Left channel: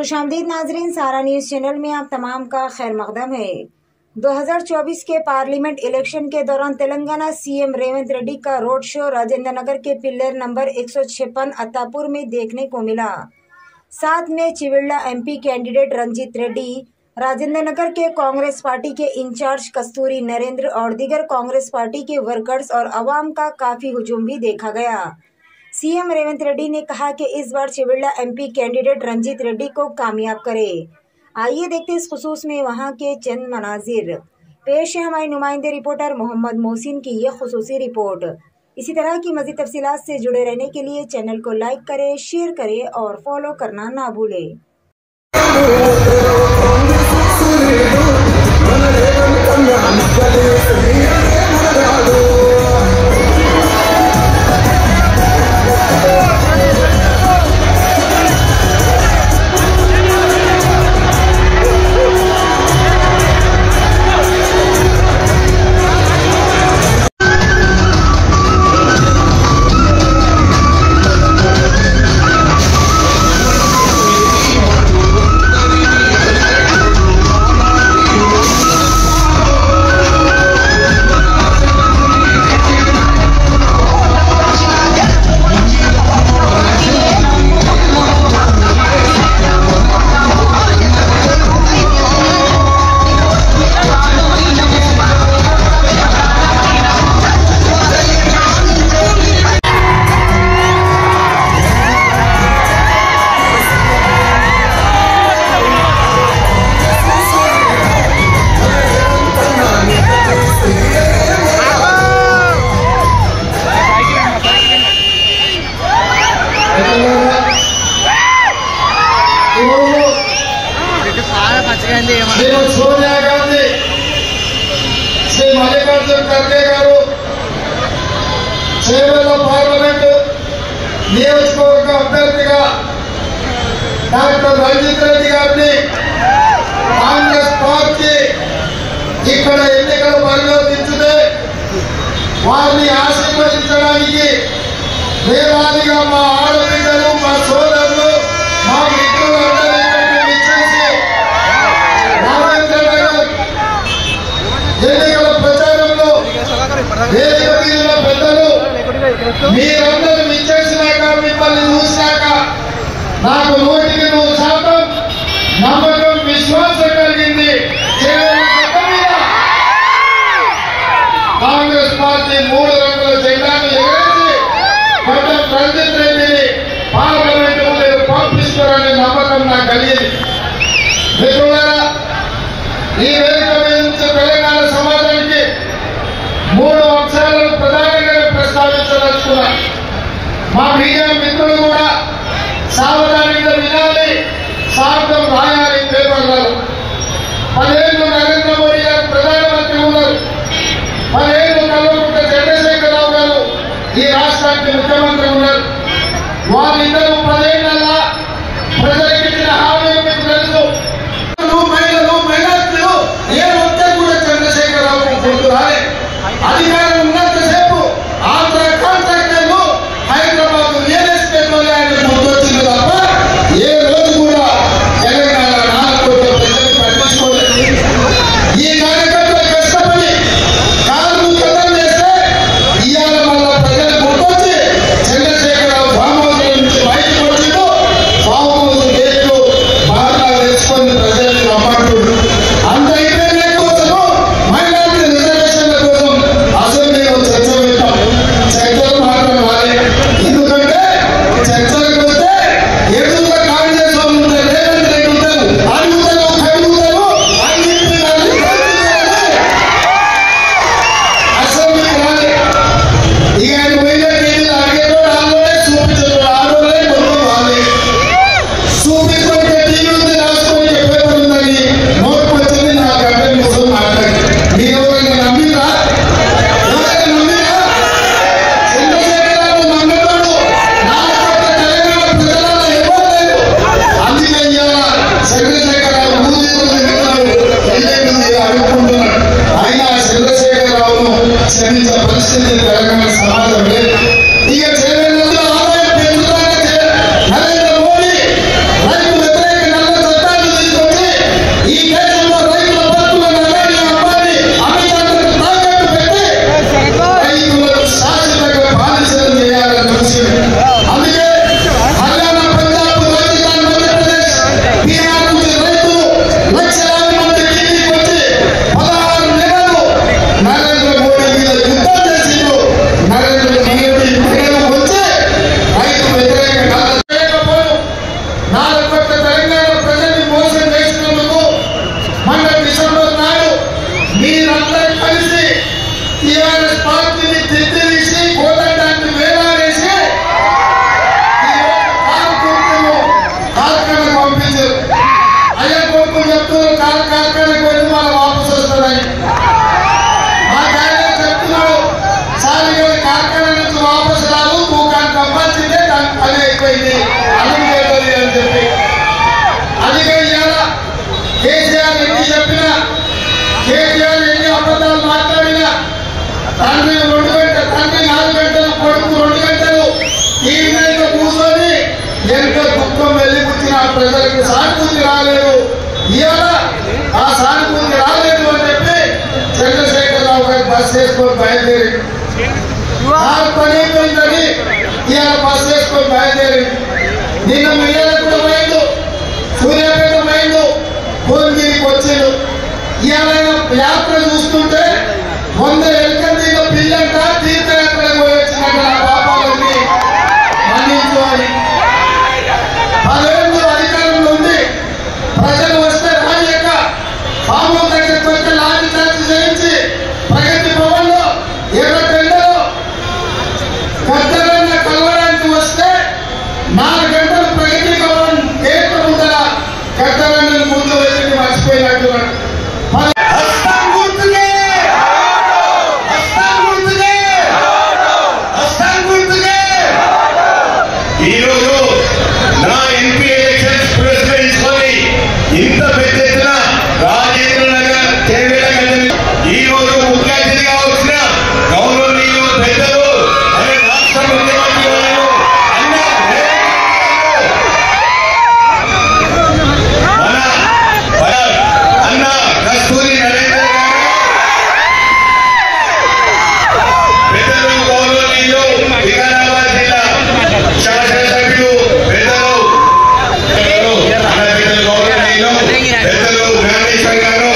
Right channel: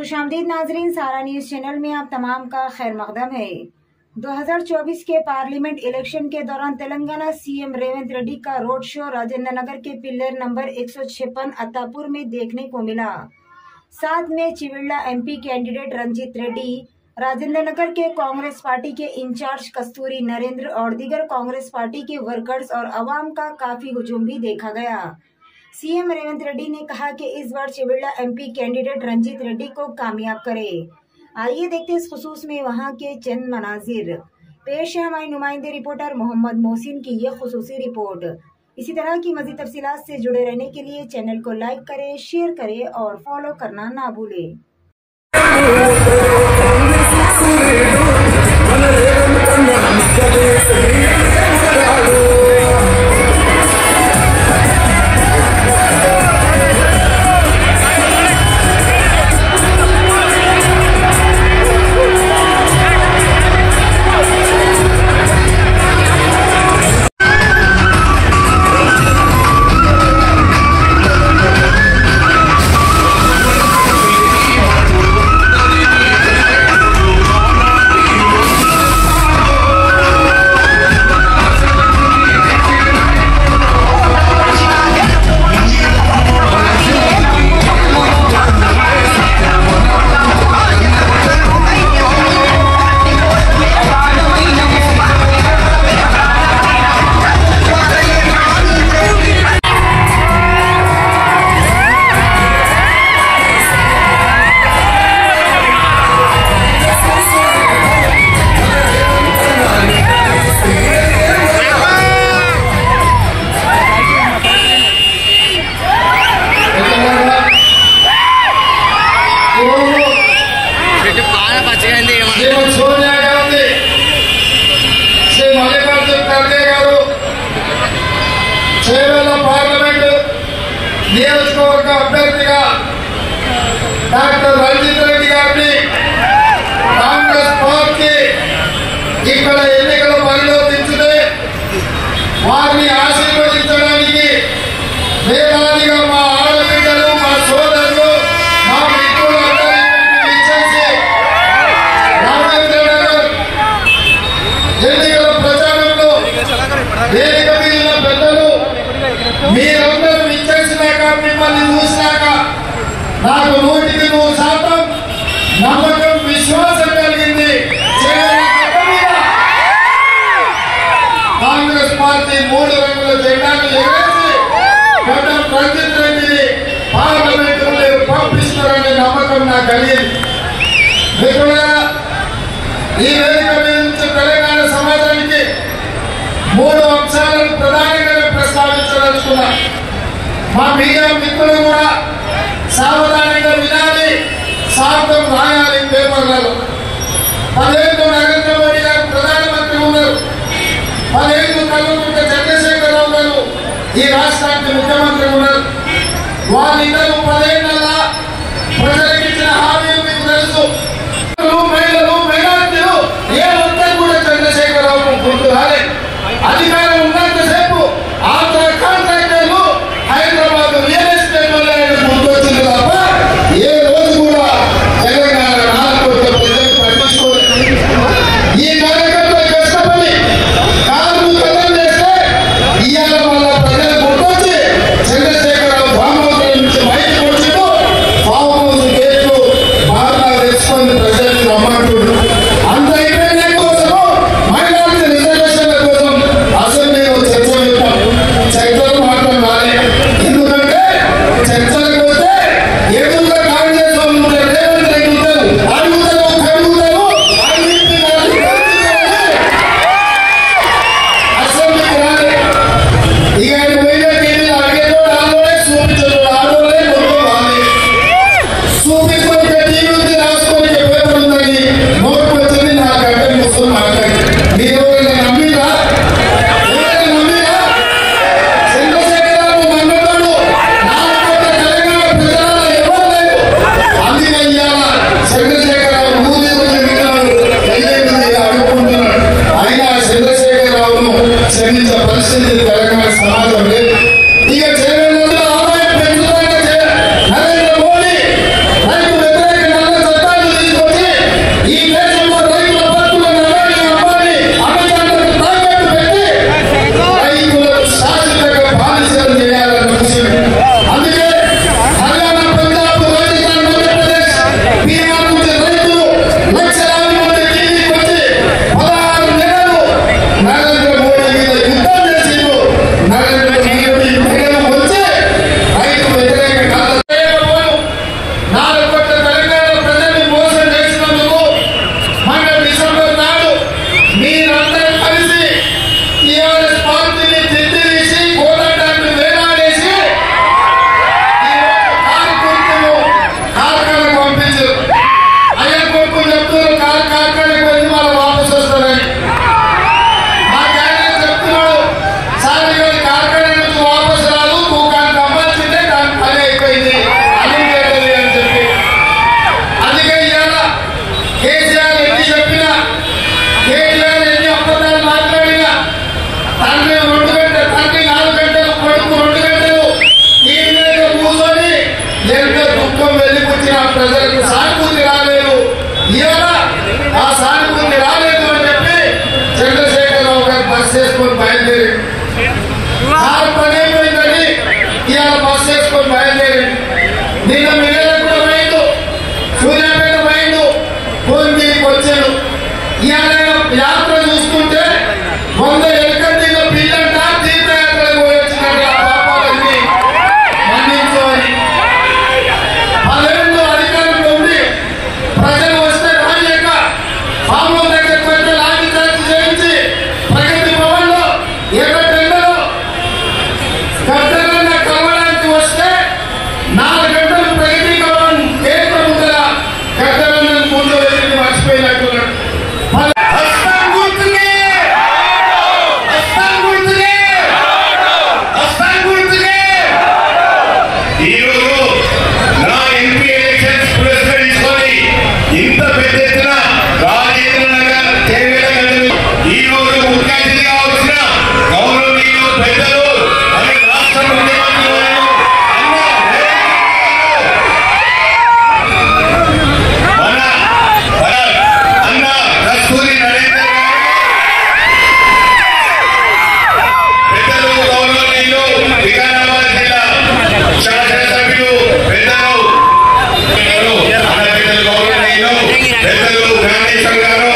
खुशामदीद नाजरीन, सारा news channel में आप तमाम का खैर मकदम है। 2024 के पार्लियामेंट इलेक्शन के दौरान तेलंगाना सीएम रेवंत रेड्डी का रोड शो राजेंद्र नगर के पिल्लर नंबर 156 अत्तापुर में देखने को मिला। साथ में चिविल्ला एमपी कैंडिडेट रंजीत रेड्डी, राजेंद्र नगर के कांग्रेस पार्टी के इंचार्ज कस्तूरी नरेंद्र और दीगर कांग्रेस पार्टी के वर्कर्स और अवाम का काफी हुजूम भी देखा गया। सीएम रेवंत रेड्डी ने कहा कि इस बार चिविल्ला एमपी कैंडिडेट रंजीत रेड्डी को कामयाब करे। आइए देखते इस खुसूस में वहां के चंद मनाजिर। पेश है हमारे नुमाइंदे रिपोर्टर मोहम्मद मोहसिन की ये खुसूसी रिपोर्ट। इसी तरह की मज़ीद तफसीलात से जुड़े रहने के लिए चैनल को लाइक करें, शेयर करें और फॉलो करना ना भूलें। सोनिया गांधी श्री मल्लिकार्जुन खड़गे गारू చేవెళ్ళ పార్లమెంటు నియోజకవర్గ అభ్యర్థిగా డాక్టర్ రంజిత్ రెడ్డి గారిని కాంగ్రెస్ పార్టీ ఇక్కడ ఎన్నికల బరిలో దించితే వారిని ఆశీర్వదించడానికి వేలాదిగా మా ఆడపిల్లలు, మా సోదరులు, మా మిత్రులందరూ విచ్చేసి ఎన్నికల ప్రచారంలో వేదిక మీద పెద్దలు మీరందరూ విచ్చేసినాక, మిమ్మల్ని చూసినాక నాకు 100% నమ్మకం, విశ్వాసం కలిగింది. కాంగ్రెస్ పార్టీ 3 రంగుల జెండాను ఎగరేసి గడ్డం రంజిత్ రెడ్డిని పార్లమెంట్ ముందు పంపిస్తారనే నమ్మకం నాకు కలిగింది. మిత్రులారా, ఈ వేదిక మీద నుంచి తెలంగాణ సమాజానికి 3 అంశాలను ప్రధానంగా ప్రస్తావించదలుచుకున్నా. మా మీడియా మిత్రులు కూడా సావధానంగా వినాలి, సార్థం రాయాలి పేపర్లలో. 10 ఏళ్ళు నరేంద్ర మోడీ గారు ప్రధానమంత్రి ఉన్నారు, 10 ఏళ్ళు కల్వకుంట్ల చంద్రశేఖరరావు గారు ఈ రాష్ట్రానికి ముఖ్యమంత్రి ఉన్నారు. వారిద్దరూ 10 ఏళ్ళ ప్రజలకు ఇచ్చిన హామీలు మీకు తెలుసు. మహిళలు, మైనార్టీలు ఏ ఒక్కరు కూడా చంద్రశేఖరరావు గుర్తు రాలేదు. అధికారం ఉన్నంతసేపు ఆంధ్ర కాంట్రాక్టర్లు, హైదరాబాద్ రియల్ ఎస్టేట్ వాళ్ళు ఆయన గుర్తొచ్చింది తప్ప ఏ చెప్తున్నారు కార్ఖానకు వెళ్ళి మనం వాపసు వస్తారని. మా ఆయన చెప్తున్నాడు సార్ కార్ఖానా నుంచి వాపసు రాదు, తూకానికి అమ్మాల్సిందే, దానికి పని అయిపోయింది అని చెప్పి. అందుకే ఇవాళ కేసీఆర్ ఎన్ని చెప్పినా, కేసీఆర్ ఎన్ని అబద్ధాలు మాట్లాడినా, తండ్రి 2 గంటలు, తండ్రి 4 గంటలు, కొడుకు 2 గంటలు ఈ మీద కూర్చొని ఎంతో దుఃఖం వెళ్ళిపుచ్చిన ప్రజలకు సానుభూతి రాలేదు. ఇవాళ ఆ సానుభూతి రాలేదు అని చెప్పి చంద్రశేఖరరావు గారు బస్ చేసుకొని బయలుదేరి పని అయిపోయిందని ఇవాళ బస్ చేసుకొని బయలుదేరి నిన్న మిగల కూడా పోయిండు, సూర్యాపేట పోయిండు, భువనగిరికి వచ్చాడు. ఇవాళ యాత్ర చూస్తుంటే 100 ఎలకందిన పిల్లంట తీర్థయాత్రకు పోయి వచ్చినట్టు ఆ పాపాలన్నీ మన్నించుకోవాలి. 10 ఏళ్ళు అధికారంలో ఉంది, ప్రజలు వస్తే రాలేక పాము దగ్గరికి వచ్చి లాఠీ చార్జ్ చేయించి ప్రగతి భవన్లో ఎర్రటెండలో గద్దరన్న కలవడానికి వస్తే 4 గంటలు ప్రగతి భవన్ గేట్ల ముందర గద్దరన్న ముందు వెళ్ళి మర్చిపోయినట్టున్నాడు. పెద్దలు గాంధీ సంఘాలు